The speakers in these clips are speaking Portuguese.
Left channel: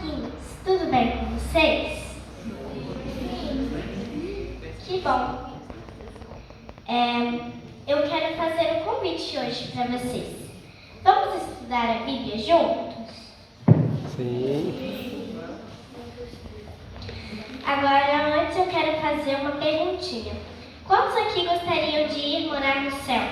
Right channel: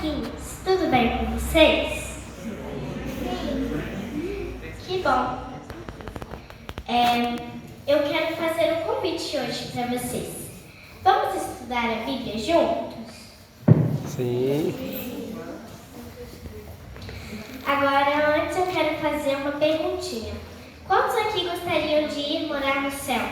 amiguinhos, tudo bem com vocês? Que bom! Eu quero fazer um convite hoje para vocês. Vamos estudar a Bíblia juntos? Sim. Agora, antes eu quero fazer uma perguntinha. Quantos aqui gostariam de ir morar no céu?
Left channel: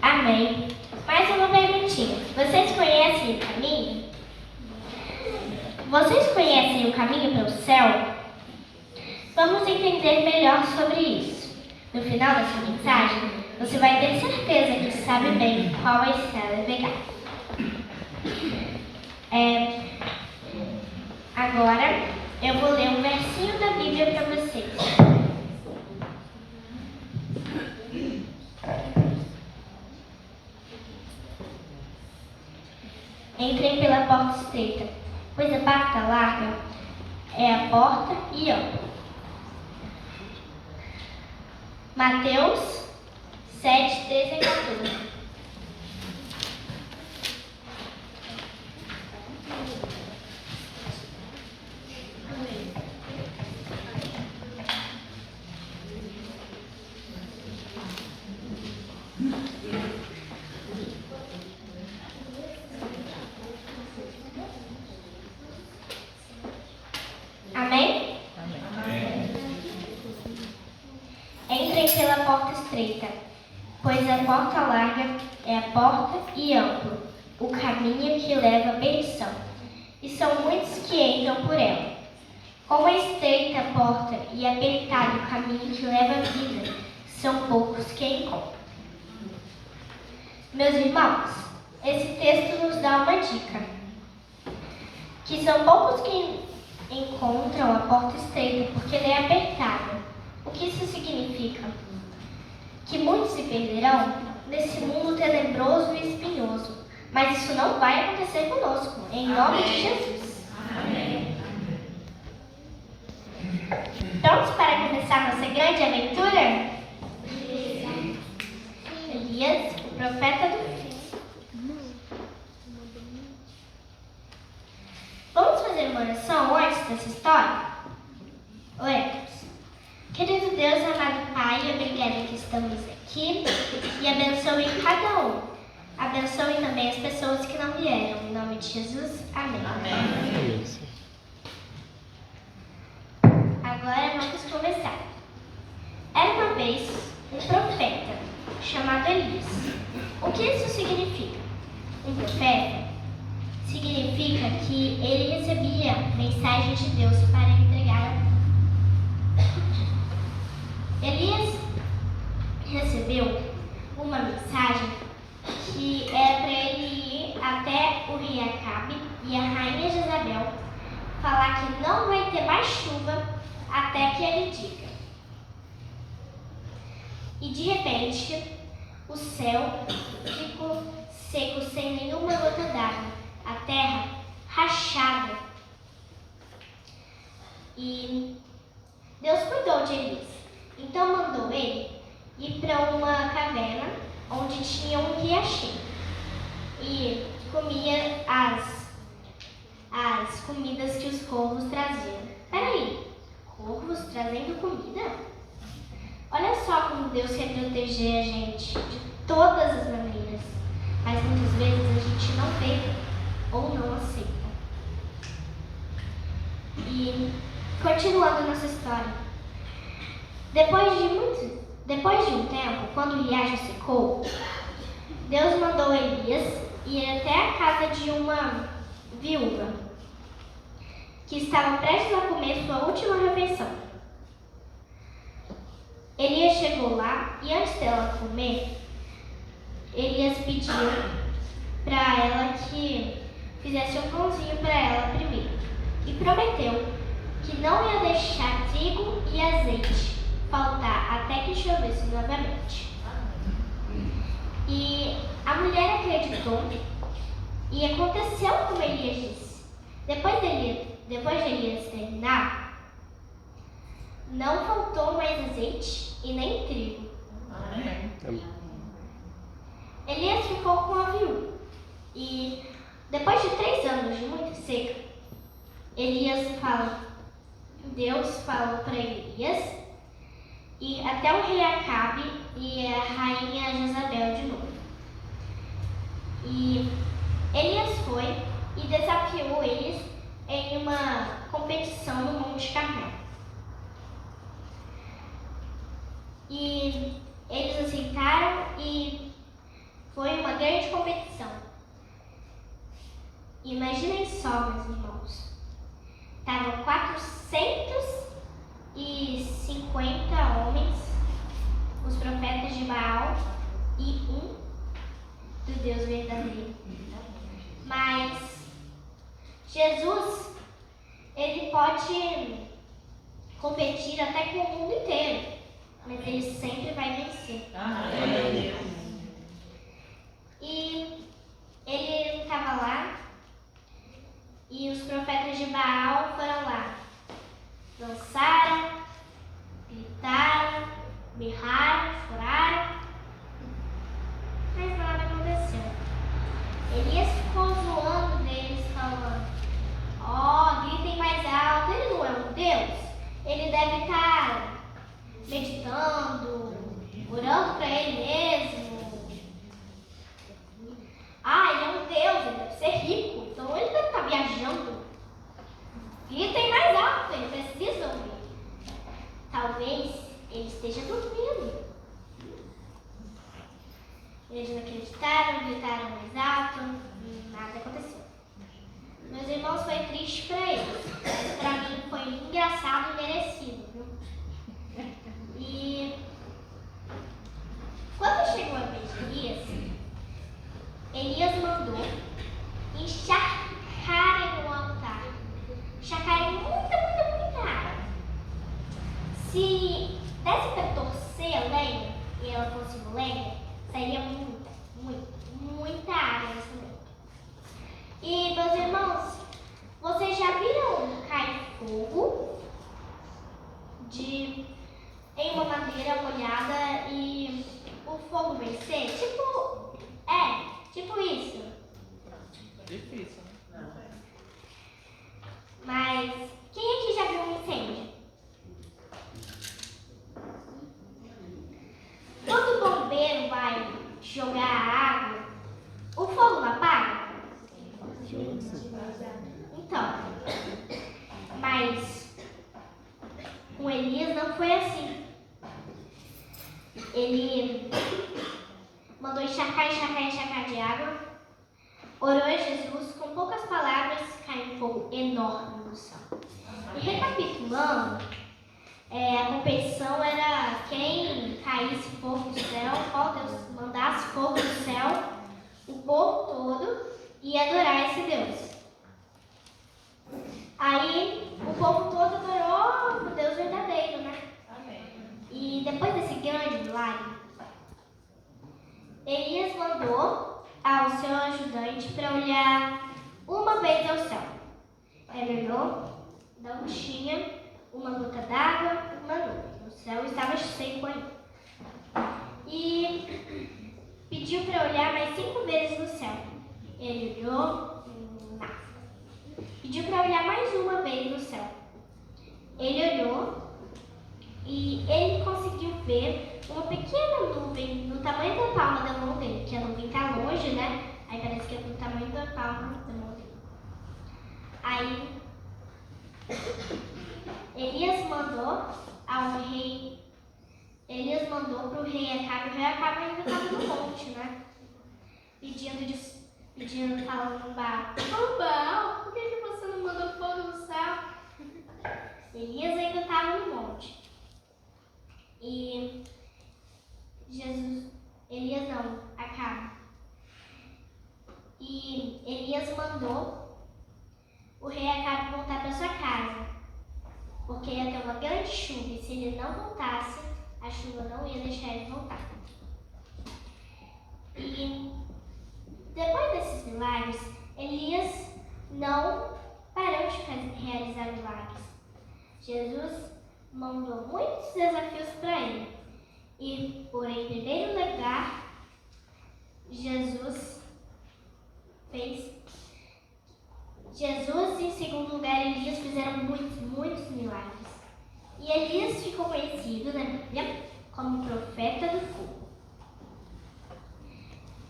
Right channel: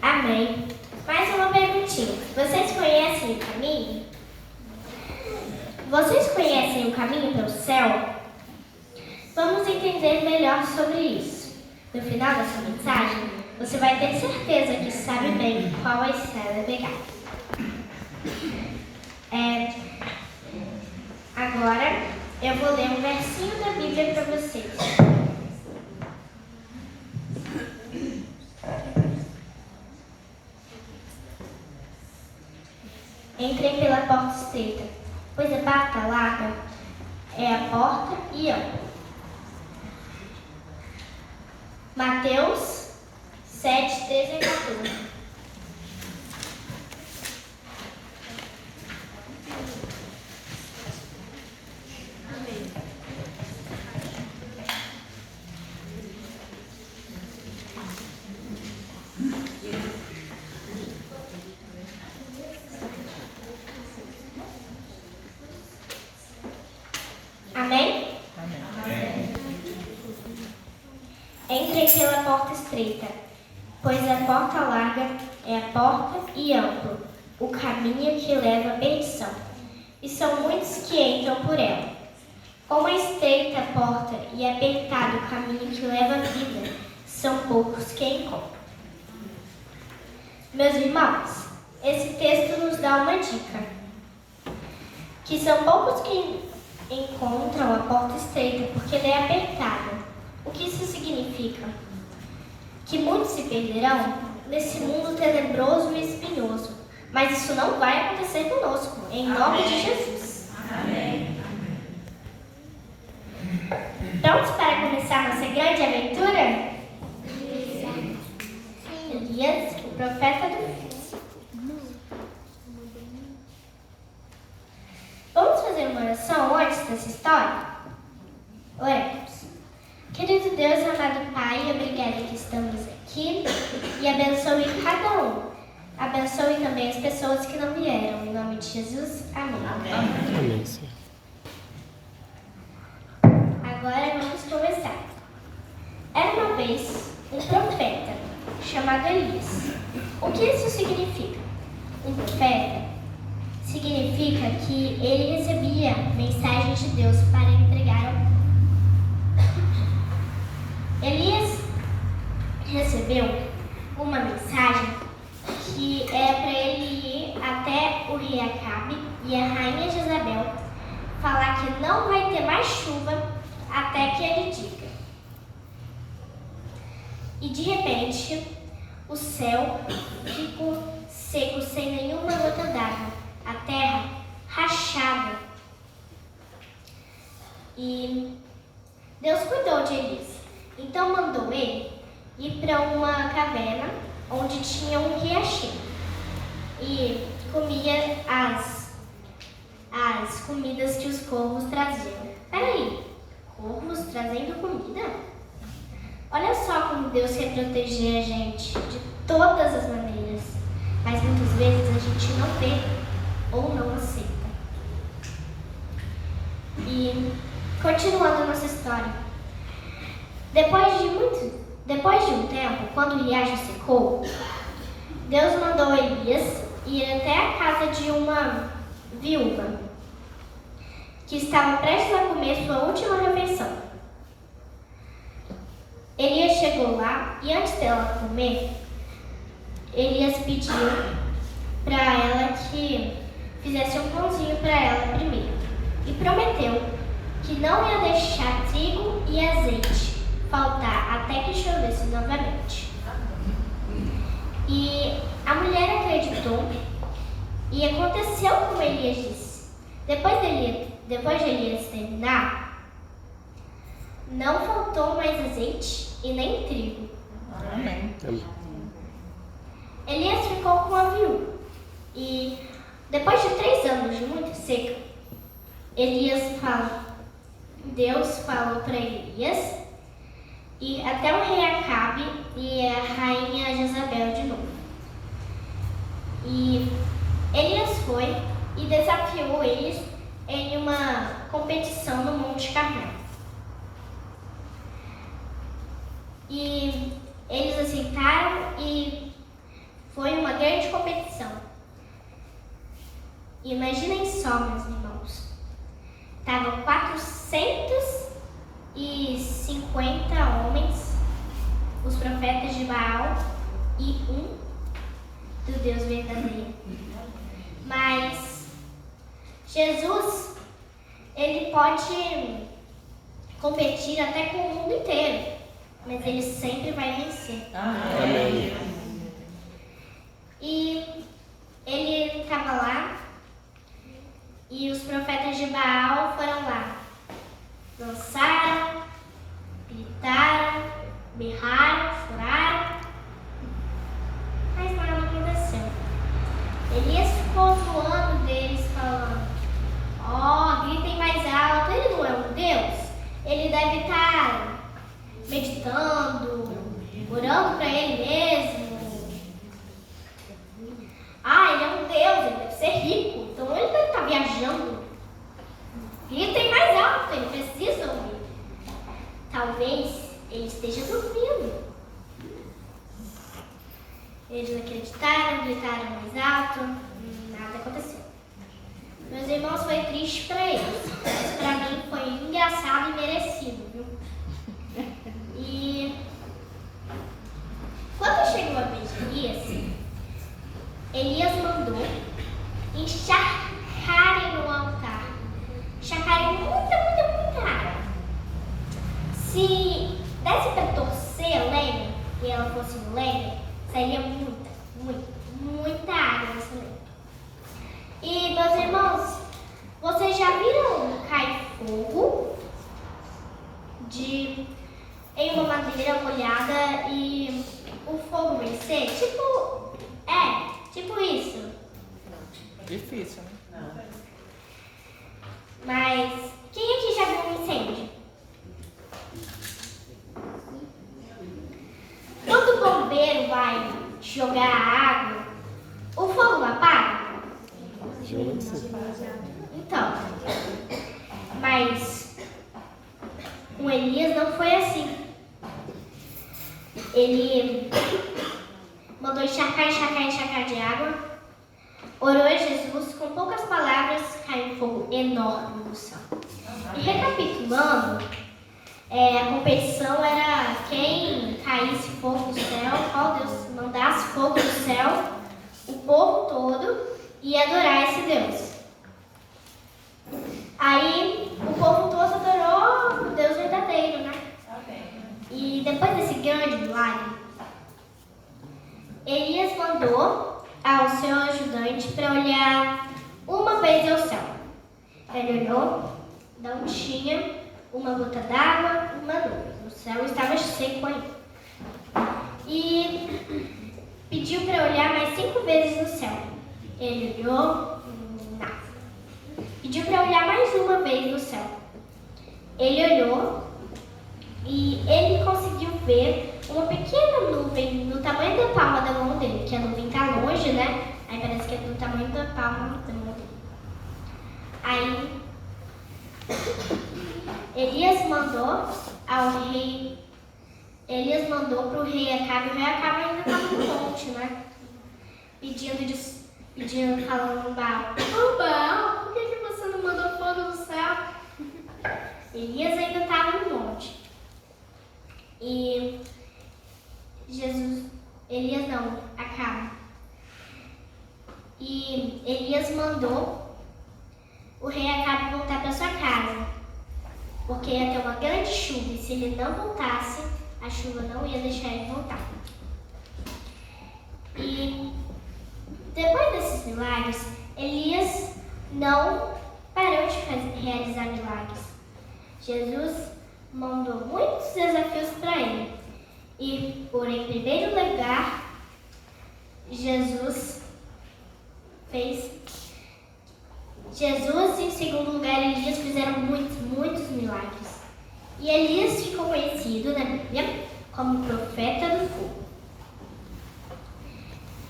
Amém. Mais uma perguntinha. Vocês conhecem o caminho? Vocês conhecem o caminho para o céu? Vamos entender melhor sobre isso. No final dessa mensagem, você vai ter certeza que sabe bem qual a estrada pegar. Agora, eu vou ler um versinho da Bíblia para vocês. Entrem pela porta estreita, pois a porta larga é a porta e ampla. Mateus 7, 13 e 14. Amém? Amém. Entrem pela porta estreita, pois a porta larga é a porta e amplo o caminho que leva à perdição, e são muitos que entram por ela. Como a estreita porta e apertado o caminho que leva à vida, são poucos que encontram. Meus irmãos, esse texto nos dá uma dica, que são poucos que encontram a porta estreita porque ela é apertada. O que isso significa? Que muitos se perderão nesse mundo tenebroso e espinhoso. Mas isso não vai acontecer conosco, em nome de Jesus. Amém. Prontos para começar nossa grande aventura? Elias, o profeta do fim. Vamos fazer uma oração antes dessa história? Oremos. Querido Deus, amado Pai, obrigada que estamos aqui e abençoe cada um. Abençoe também as pessoas que não vieram. Em nome de Jesus, amém. Amém. Agora vamos começar. Era uma vez um profeta chamado Elias. O que isso significa? Um profeta significa que ele recebia mensagens de Deus para entregar ao povo. Elias recebeu uma mensagem que era para ele ir até o rei Acabe e a rainha Jezabel falar que não vai ter mais chuva até que ele diga. E de repente, o céu ficou seco sem nenhuma gota d'água, a terra rachada. E Deus cuidou de Elias. Então mandou ele ir para uma caverna onde tinha um riachinho e comia as comidas que os corvos traziam. Peraí, corvos trazendo comida? Olha só como Deus quer proteger a gente de todas as maneiras, mas muitas vezes a gente não vê ou não aceita. E continuando nossa história. Depois de um tempo, quando o riacho secou, Deus mandou Elias ir até a casa de uma viúva que estava prestes a comer sua última refeição. Elias chegou lá e antes dela comer, Elias pediu para ela que fizesse um pãozinho para ela primeiro e prometeu que não ia deixar trigo e azeite faltar até que chovesse novamente. E a mulher acreditou e aconteceu como Elias disse. Depois de Elias terminar, não faltou mais azeite e nem trigo. Amém. Elias ficou com a viúva E depois de 3 anos de muita seca, Deus falou para Elias e até o rei Acabe e a rainha Jezabel de novo. E Elias foi e desafiou eles em uma competição no Monte Carmelo. E eles aceitaram e foi uma grande competição. Imaginem só, meus irmãos. Estavam 450 homens, os profetas de Baal e um do Deus verdadeiro. Mas Jesus, ele pode competir até com o mundo inteiro, mas ele sempre vai vencer. Amém. E ele estava lá e os profetas de Baal foram lá. Dançaram, gritaram, berraram, choraram, mas nada aconteceu. Elias ficou zoando deles, falando: gritem mais alto, ele não é um Deus? Ele deve estar meditando, orando para ele mesmo. Ele é um Deus, ele deve ser rico, então ele deve estar viajando. Gritem mais alto, ele precisa ouvir. Talvez ele esteja dormindo. Eles não acreditaram, gritaram mais alto, nada aconteceu. Meus irmãos, foi triste para eles, mas para mim foi engraçado e merecido, viu? E quando chegou a vez de Elias mandou encharcarem no altar. Encharcarem muita água. Se desse para torcer a lenha e ela fosse lenha, sairia muita água nessa lenha. E, meus irmãos, vocês já viram cair fogo em uma madeira molhada e o fogo vencer? Tipo isso. Difícil, né? Não. Mas quem aqui já viu um incêndio? Quando o bombeiro vai jogar água, o fogo não apaga? Então, mas com Elias não foi assim. Ele mandou encharcar de água, orou a Jesus, com poucas palavras caiu um fogo enorme do céu. E recapitulando, a competição era quem caísse fogo do céu, qual Deus mandasse fogo do céu, o povo todo ia adorar esse Deus. Aí o povo todo adorou o Deus verdadeiro, né? E depois desse grande milagre, Elias mandou ao seu ajudante para olhar uma vez ao céu. Ele olhou, não tinha uma gota d'água, uma nuvem. O céu estava seco ainda. E pediu para olhar mais 5 vezes no céu. Ele olhou, nada. Pediu para olhar mais uma vez no céu. Ele olhou e ele conseguiu ver uma pequena nuvem do tamanho da palma da mão dele, que a nuvem está longe, né? Aí parece que é do tamanho da palma da mão dele. Aí Elias mandou para o rei Acabe. O rei Acabe ainda estava no monte, né? Pedindo, falando no Baal: Baal, por que você não mandou fogo do céu? Elias ainda estava no monte. E Acabe. E Elias mandou o rei Acabe voltar para sua casa, porque ia ter uma grande chuva, e se ele não voltasse, a chuva não ia deixar ele voltar. E depois desses milagres, Elias não parou de realizar milagres. Jesus mandou muitos desafios para ele. E, por em primeiro lugar, Jesus como profeta do fogo.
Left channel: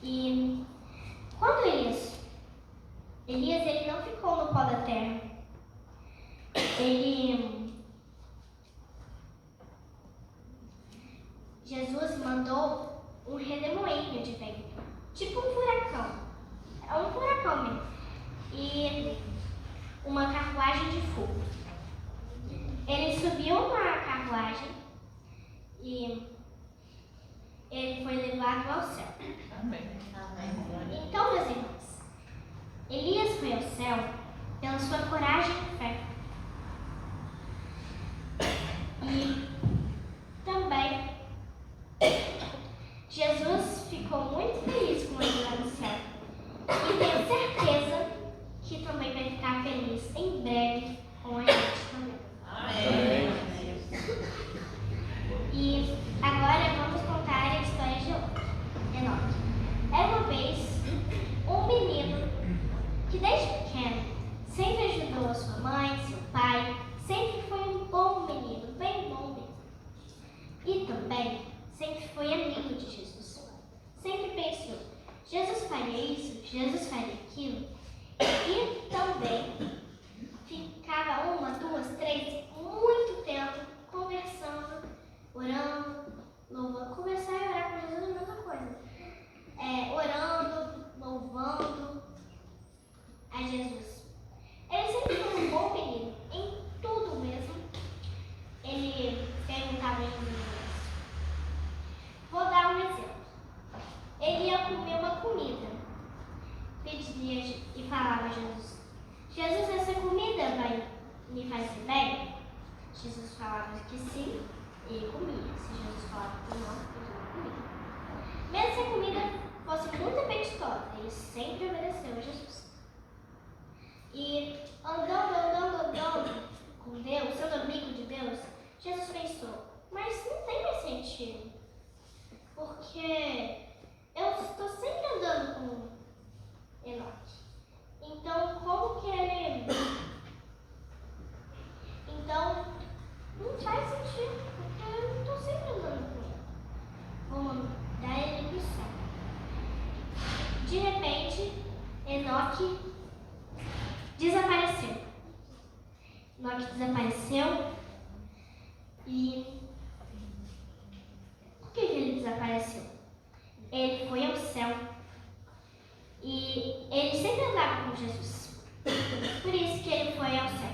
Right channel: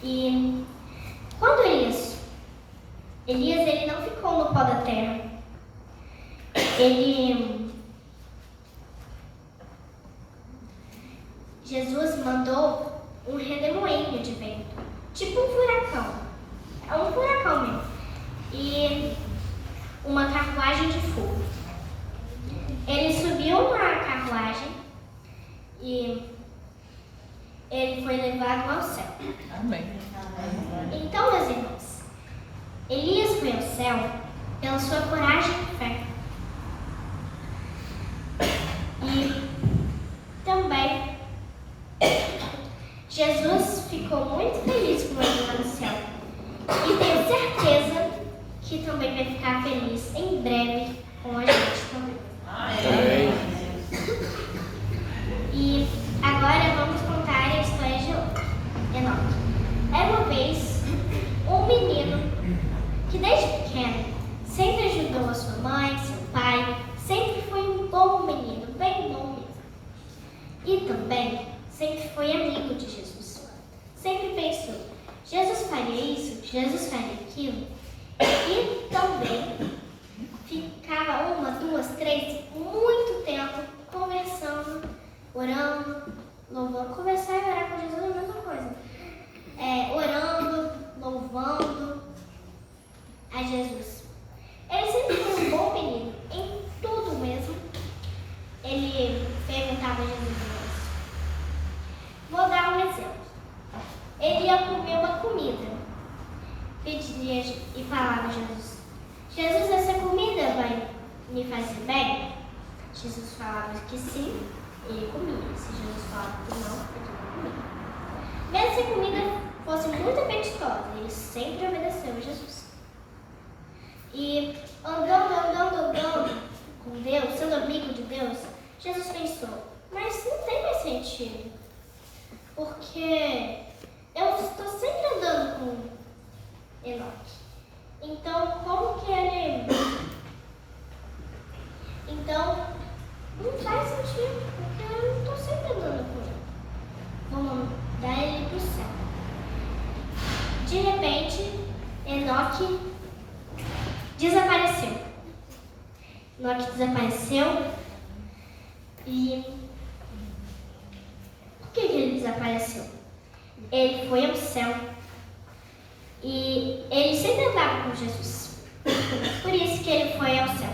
E quando Elias ele não ficou no pó da terra. Jesus mandou um redemoinho de vento, tipo um furacão. É um furacão mesmo. E uma carruagem de fogo. Ele subiu na carruagem e ele foi levado ao céu. Amém. Então, meus irmãos, Elias foi ao céu pela sua coragem e fé. E também Jesus ficou muito feliz com ele lá no céu. E tenho certeza que também vai ficar feliz em breve com a gente também. Amém. E agora vamos contar a história de Enoque. Era uma vez um menino que desde pequeno sempre ajudou a sua mãe, seu pai, sempre foi um bom menino, bem bom mesmo. E também sempre foi amigo de Jesus. Sempre pensou, Jesus faria isso, Jesus faria aquilo. E também ficava 1, 2, 3, muito tempo conversando, orando, louvando. Conversar e orar com Jesus é a mesma coisa. Orando, louvando a Jesus. Ele sempre foi um bom menino, em tudo mesmo. Ele perguntava a Jesus isso. Vou dar um exemplo. Ele ia comer uma comida. Pedia e falava a Jesus, Jesus, essa comida vai me fazer bem? Jesus falava que sim, e ele comia. Se Jesus falava que não, ele não comia. Mesmo se a comida fosse muito apetitosa, ele sempre obedeceu a Jesus. E andando com Deus, sendo amigo de Deus, Jesus pensou, mas não tem mais sentido. Porque eu estou sempre andando com Enoque. Então, como que ele... Então, não faz sentido, porque eu não estou sempre andando com ele. Vamos dar ele para o céu. De repente, Enoque desapareceu. Enoque desapareceu e... Por que ele desapareceu? Ele foi ao céu e ele sempre andava com Jesus. Por isso que ele foi ao céu.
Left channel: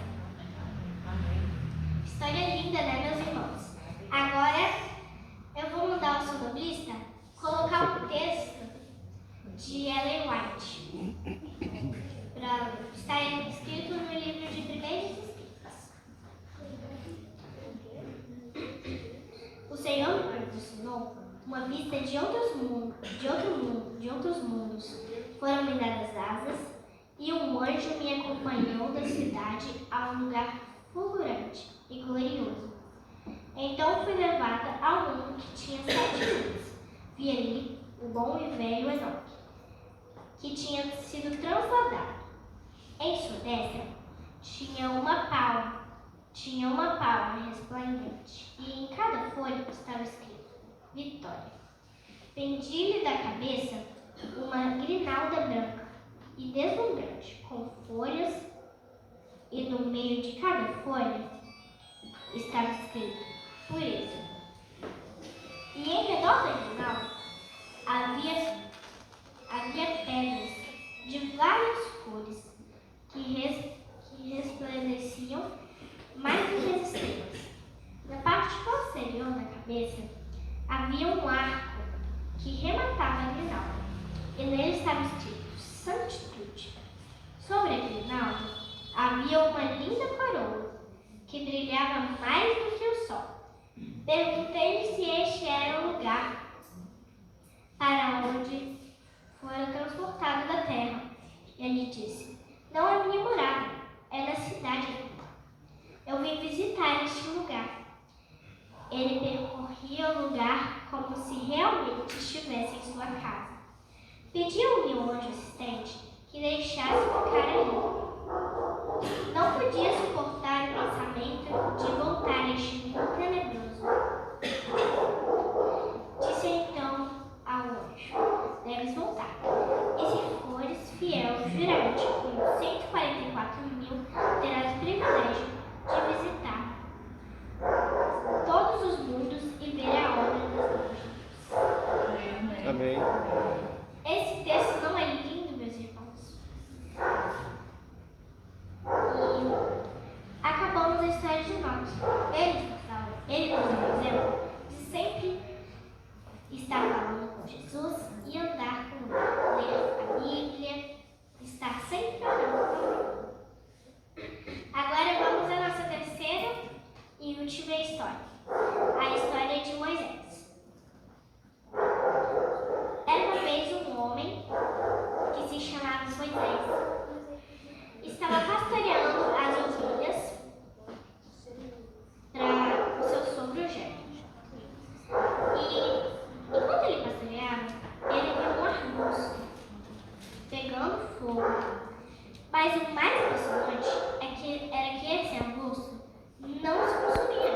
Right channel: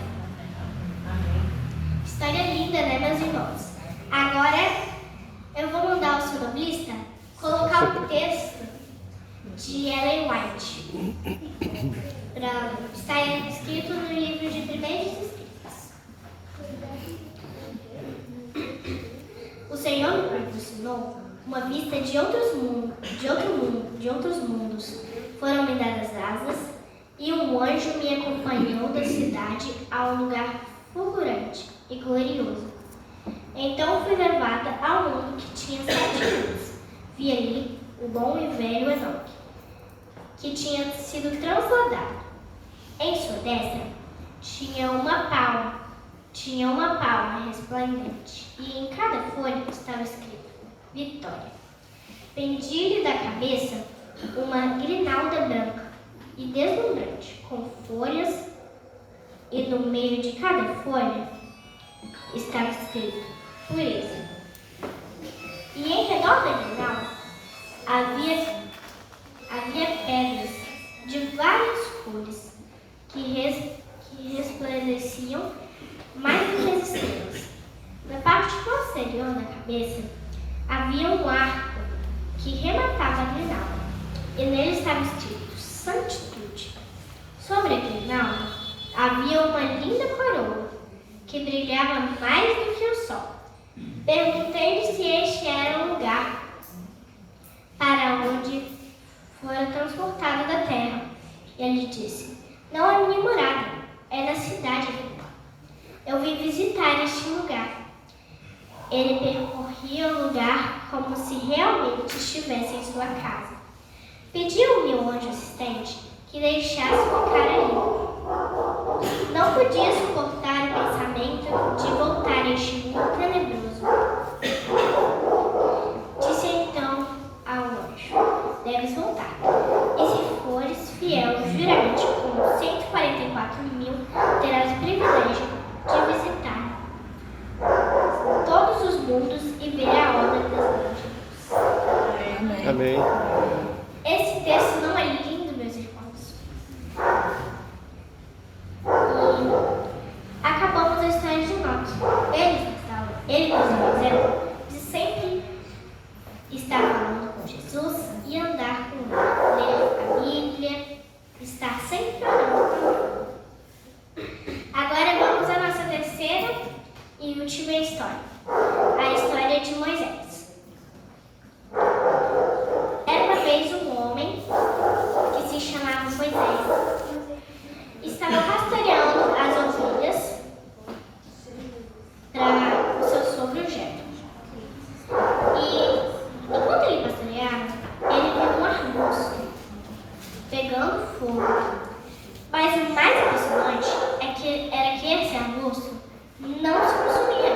História linda, né, meus irmãos? Agora eu vou mandar o sonoplista colocar o texto de Ellen White para estar escrito no livro de Primeiros Escritos. O Senhor me proporcionou uma vista de outros mundos. Foram-me dadas asas e um anjo me acompanhou da cidade a um lugar fulgurante e glorioso. Então fui levada ao mundo que tinha 7 anos. Vi ali o bom e velho Enoque, que tinha sido transladado. Em sua destra tinha uma palma resplandente, e em cada folha estava escrito Vitória. Pendia-lhe da cabeça uma grinalda branca e deslumbrante, com folhas, e no meio de cada folha estava escrito Pureza. E em redor da grinalda havia pedras de várias cores que resplandeciam mais do que as estrelas. Na parte posterior da cabeça havia um arco que rematava a grinalda, e nele estava escrito Sanctitude. Sobre a grinalda havia uma linda coroa que brilhava mais do que o sol. Perguntei-lhe se este era o lugar para onde fora transportado da terra. E ele disse, não é minha morada, é na cidade aqui. Eu vim visitar este lugar. Ele percorria o lugar como se realmente estivesse em sua casa. Pediu ao meu anjo assistente que deixasse ficar ali. Não podia suportar o pensamento de voltar a este mundo tenebroso. Amém. Esse texto não é lindo, meus irmãos? E acabamos a história de Enoque. Ele nos dá o exemplo de sempre estar falando com Jesus e andar com ele. Ler a Bíblia, estar sempre orando. Agora vamos à nossa terceira e última história. A história de Moisés. Era uma vez um homem que se chamava Moisés. Estava pastoreando as ovelhas para o seu sogro Jetro. E enquanto ele pastoreava, ele viu um arbusto pegando fogo. Mas o mais impressionante era que esse arbusto não se consumia.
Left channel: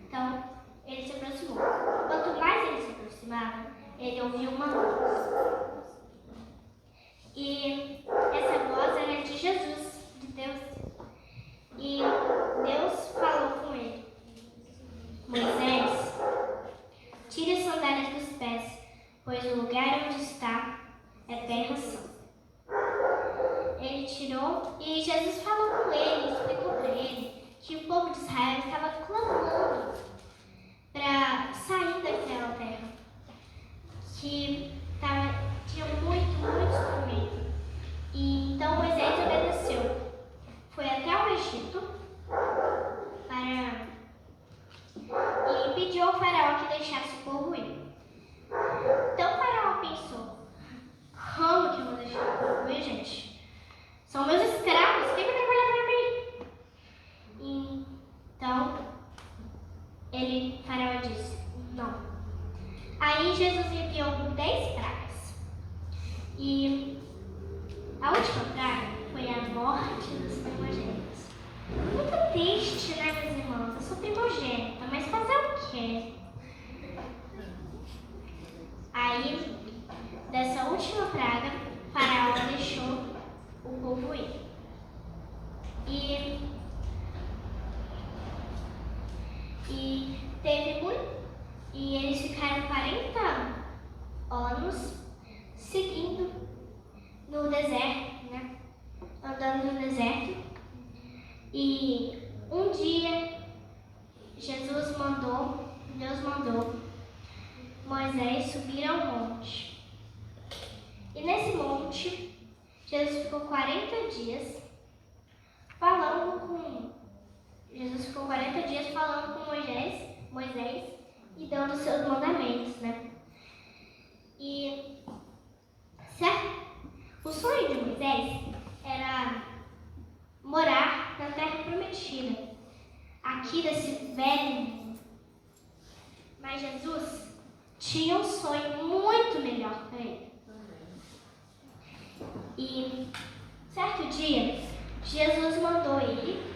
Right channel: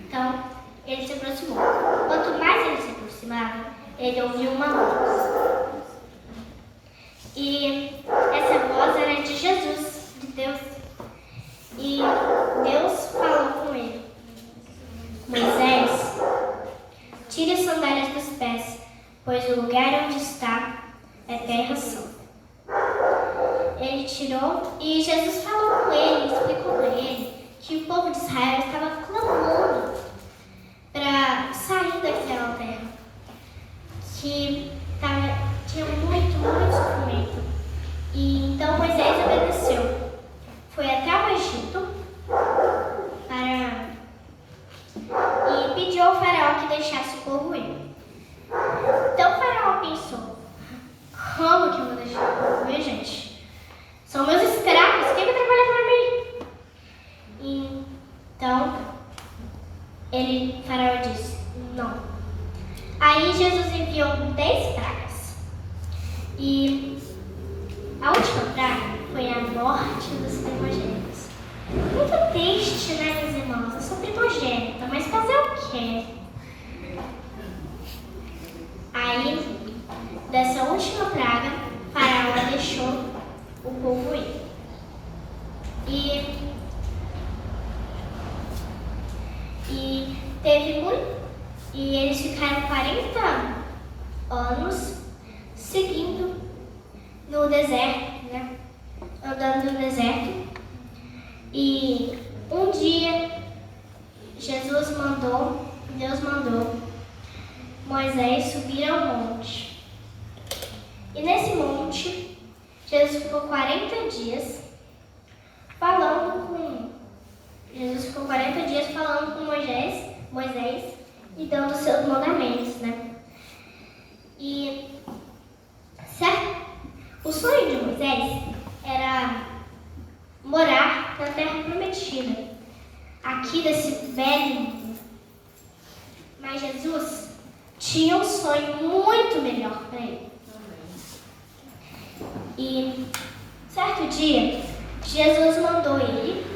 Então, ele se aproximou. Quanto mais ele se aproximava, ele ouviu uma voz. E essa voz era de Jesus, de Deus. E Deus falou com ele: Moisés, tire as sandálias dos pés, pois o lugar onde está é terra santa. Ele tirou e Jesus falou com ele, explicou para ele que o povo de Israel estava clamando para sair daquela terra, que tinha muito sofrimento. E então Moisés obedeceu. Foi até o Egito e pediu ao faraó que deixasse o povo ir. Então o faraó pensou: como que eu vou deixar o povo ir, gente? São meus escravos, quem vai trabalhar para mim? Então, o faraó disse: não. Aí Jesus enviou 10 pragas. E a última praga foi a morte dos primogênitos. Muito triste, né, meus irmãos? Eu sou primogênita, mas fazer o quê? Aí, dessa última praga, o faraó deixou o povo ir. E eles ficaram 40 anos seguindo no deserto, né? Andando no deserto. E um dia Deus mandou Moisés subir ao monte. E nesse monte, Jesus ficou 40 dias falando com Moisés e dando os seus mandamentos, né? E o sonho de Moisés era morar na terra prometida, aqui desse velho. Mas Jesus tinha um sonho muito melhor para ele. E certo dia, Jesus mandou ele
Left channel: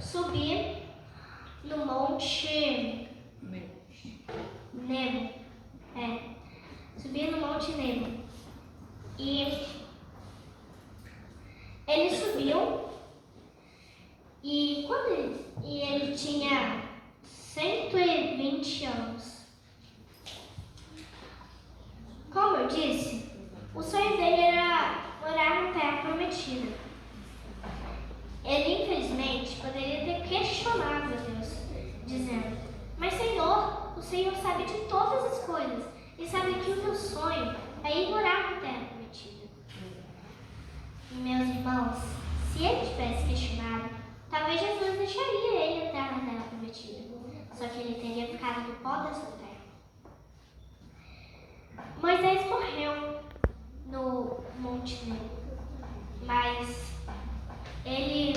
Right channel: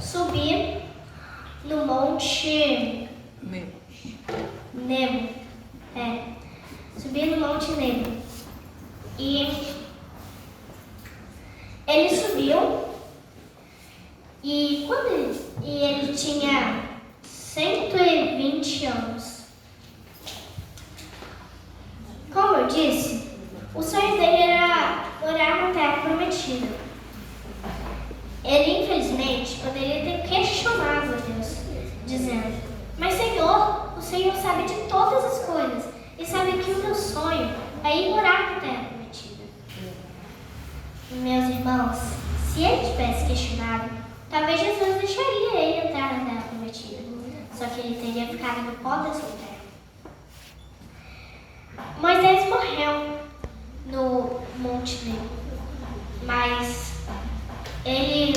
subir no Monte Nebo. Subir no Monte Nebo. E ele subiu e ele tinha 120 anos. Como eu disse, o sonho dele era morar na terra prometida. Ele, infelizmente, poderia ter questionado a Deus, dizendo: mas Senhor, o Senhor sabe de todas as coisas e sabe que o meu sonho é ir morar na terra prometida. Meus irmãos, se ele tivesse questionado, talvez Jesus deixaria ele entrar na terra prometida. Só que ele teria ficado no pó dessa terra. Moisés morreu no Monte Nebo, mas ele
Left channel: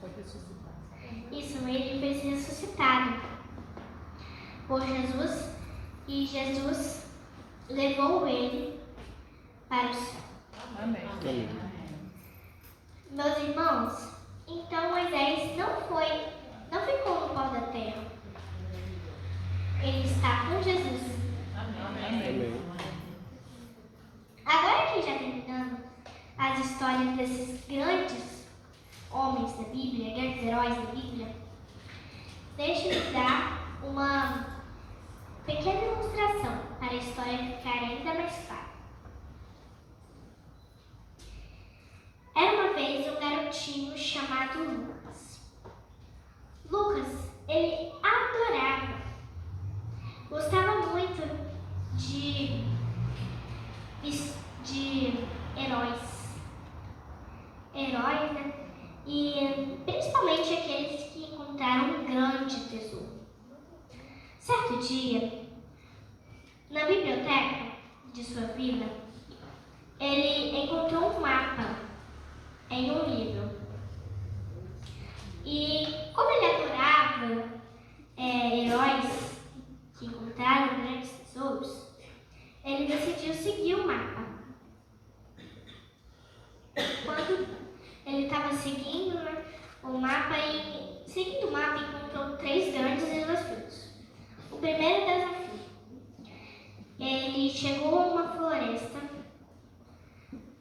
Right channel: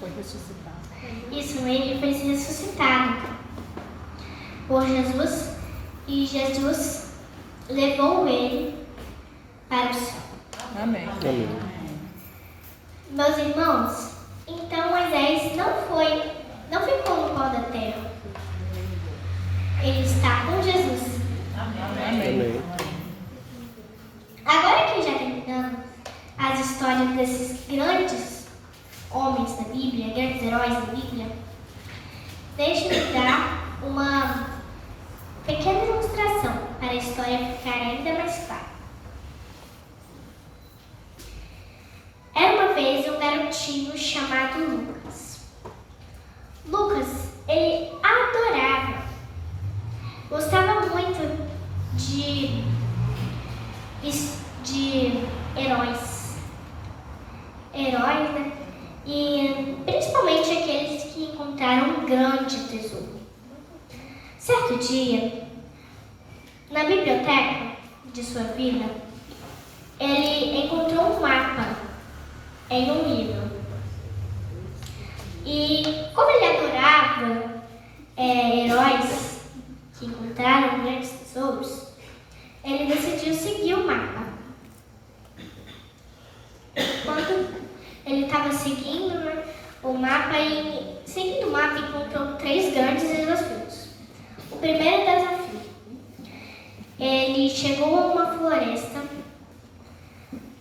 foi ressuscitado. Ele foi ressuscitado por Jesus e Jesus levou ele para o céu. Amém. Amém. Meus irmãos, então Moisés não ficou no pó da terra. Ele está com Jesus. Amém. Agora que já terminamos as histórias desses grandes homens da Bíblia, grandes heróis da Bíblia, deixe-me dar uma pequena ilustração para a história ficar ainda mais clara. Era uma vez um garotinho chamado Lucas. Lucas, ele adorava, gostava muito de heróis, né? E principalmente aqueles que encontraram um grande tesouro. Certo dia, na biblioteca de sua vida, ele encontrou um mapa em um livro. E como ele adorava heróis que encontraram grandes tesouros, ele decidiu seguir o mapa. Quando ele estava seguindo, né, o mapa, encontrou 3 grandes desafios. O primeiro desafio, ele chegou a uma floresta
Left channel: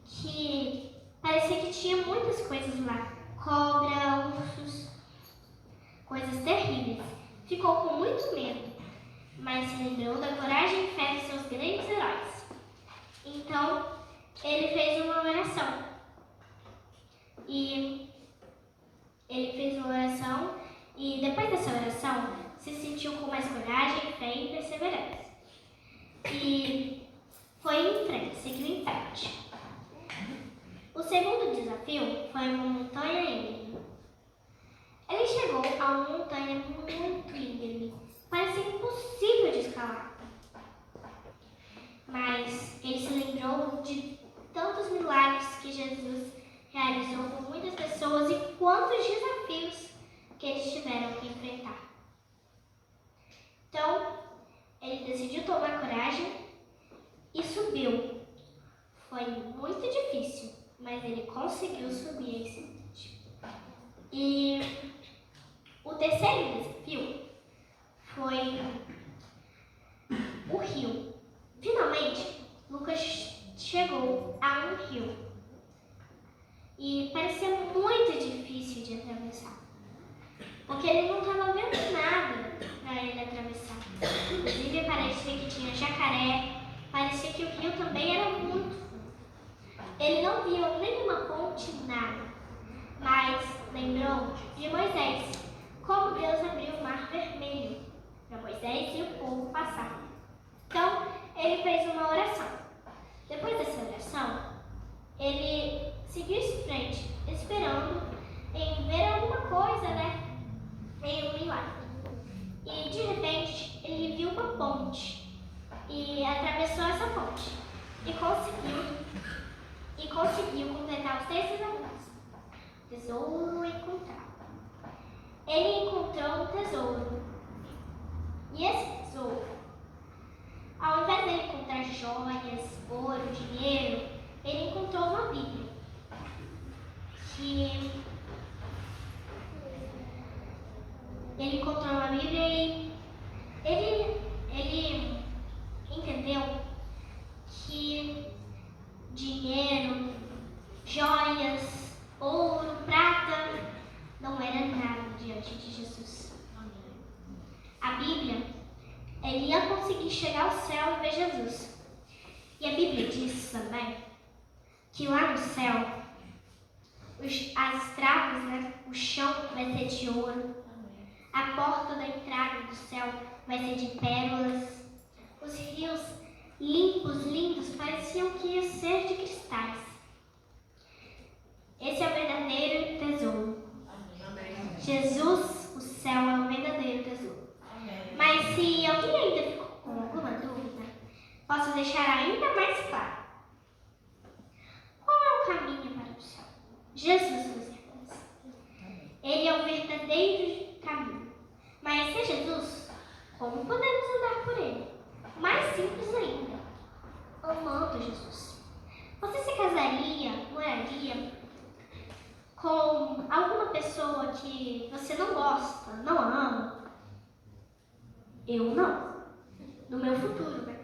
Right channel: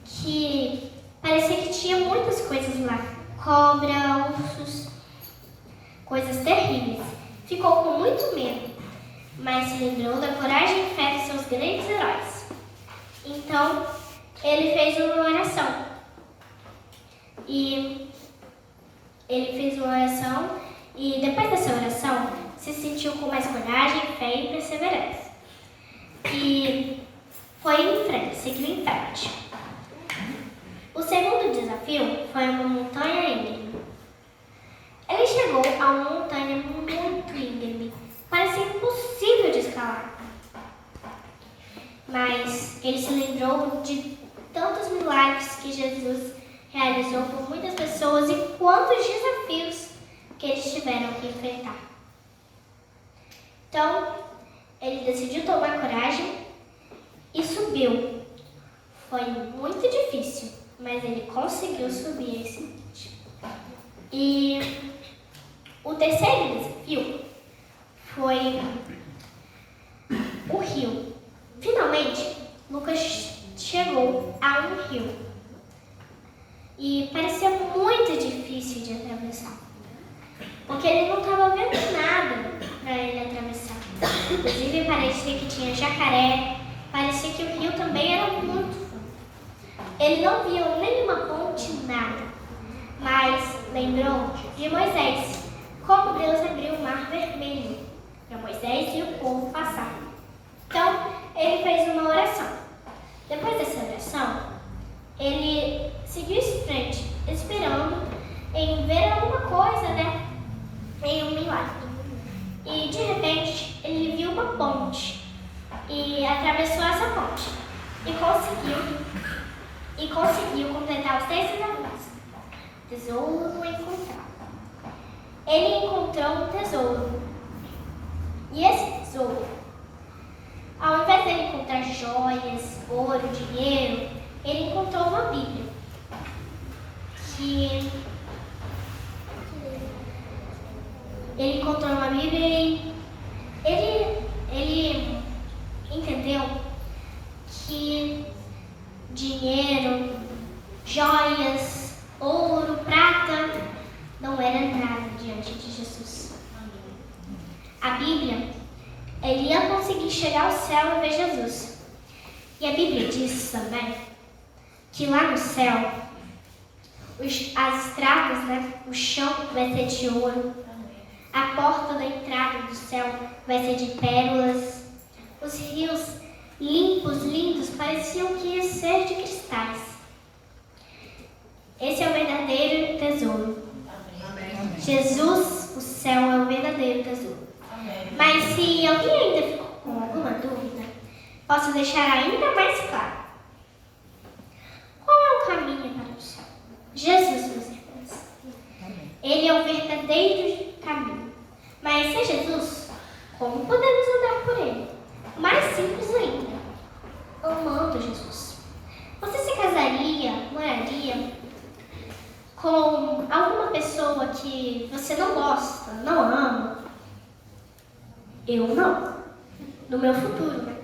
que parecia que tinha muitas coisas lá. Cobra, ursos, coisas terríveis. Ficou com muito medo, mas se lembrou da coragem e fé de seus grandes heróis. Então, ele fez uma oração. E depois dessa oração, se sentiu com mais coragem, fé e perseverança. E foi em frente, seguiu em frente. O segundo desafio foi uma montanha íngreme. Ele chegou a uma montanha muito íngreme, parecia impossível de escalar. Mas ele se lembrou de tantos milagres que Jesus realizou por muitas pessoas e quantos desafios que eles tiveram que enfrentar. Então, ele decidiu tomar coragem e subiu. Foi muito difícil, mas ele conseguiu subir esse monte. E o terceiro desafio foi o rio. Finalmente, Lucas chegou a um rio. E parecia muito difícil de atravessar, porque ele não estava vendo nada para ele atravessar. Inclusive parecia que tinha jacaré, parecia que o rio também era muito fundo. Ele não viu nenhuma ponte, nada, mas lembrou de Moisés, como Deus abriu o mar vermelho para Moisés e o povo passar. Então, ele fez uma oração. Depois dessa oração, ele seguiu em frente, esperando em ver alguma coisa, né? Em um milagre. E de repente, ele viu uma ponte e atravessou essa ponte e conseguiu completar os 3 desafios. Tesouro encontrado. Ele encontrou um tesouro. E esse tesouro, ao invés de ele encontrar joias, ouro, dinheiro, ele encontrou uma Bíblia. Ele encontrou uma Bíblia e ele entendeu que dinheiro, joias, ouro, prata não era nada diante de Jesus. A Bíblia, ele ia conseguir chegar ao céu e ver Jesus. E a Bíblia diz também que lá no céu, as estradas, né, o chão vai ser de ouro, a porta da entrada do céu vai ser de pérolas, os rios limpos, lindos, pareciam que iam ser de cristais. Esse é o verdadeiro tesouro. Amém. Jesus, o céu, é o verdadeiro tesouro. Mas se alguém ainda ficou com alguma dúvida, posso deixar ainda mais claro. Qual é o caminho para o céu? Jesus, meus irmãos. Ele é o verdadeiro caminho. Mas se Jesus, como podemos andar por ele? Mais simples ainda, amando Jesus. Você se casaria, moraria com alguma pessoa que você não gosta, não ama? Eu não. No meu futuro, né?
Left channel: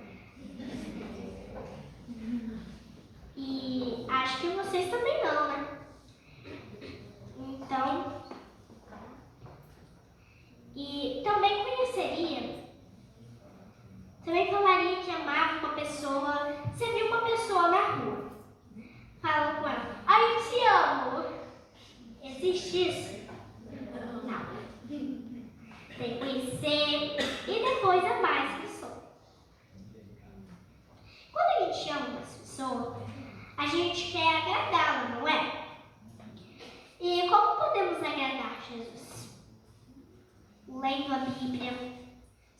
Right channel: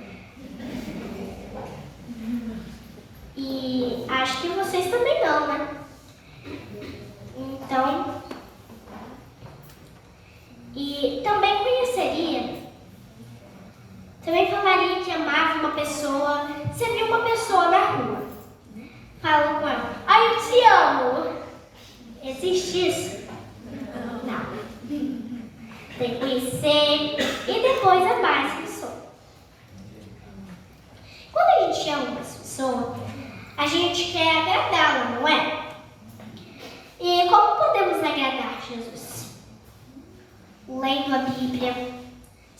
E acho que vocês também não, né?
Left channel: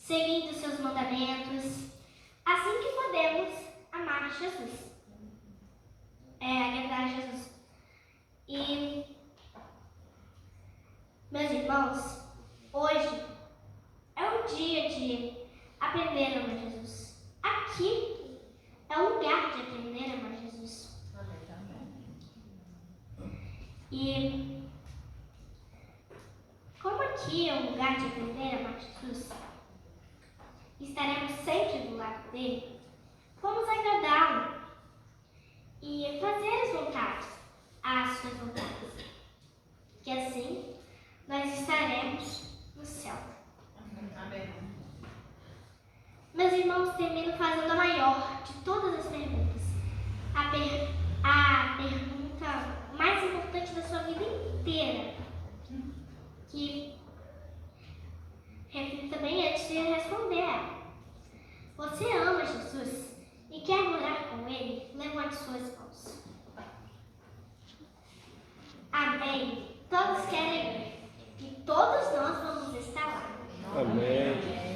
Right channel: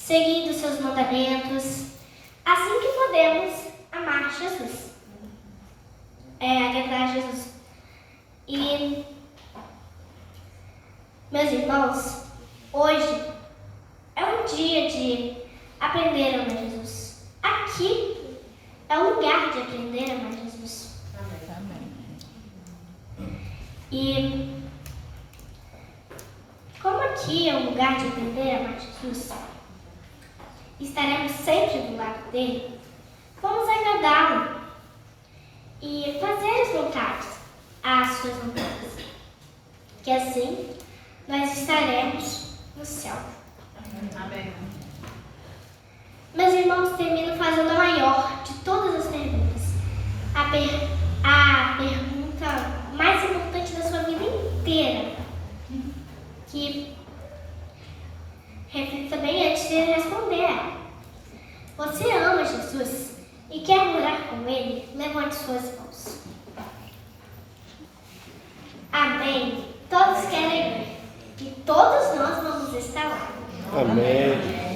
seguindo seus mandamentos, assim que podemos amar Jesus, agradar a Jesus. E, meus irmãos, hoje é um dia de aprender a amar Jesus. Aqui é o lugar de aprender a amar Jesus. E como aqui é um lugar de aprender a amar Jesus, estaremos sempre do lado dele, vamos agradá-lo e fazer as suas vontades, que assim nós estaremos no céu. Amém. Meus irmãos, termino fazendo a maior de todas as perguntas. A pergunta mais importante da sua vida inteira, que reflita bem antes de responder ela. Você ama Jesus e quer morar com Ele? Levante suas mãos. Amém. Todos querem ver. E todos nós vamos estar lá. Amém.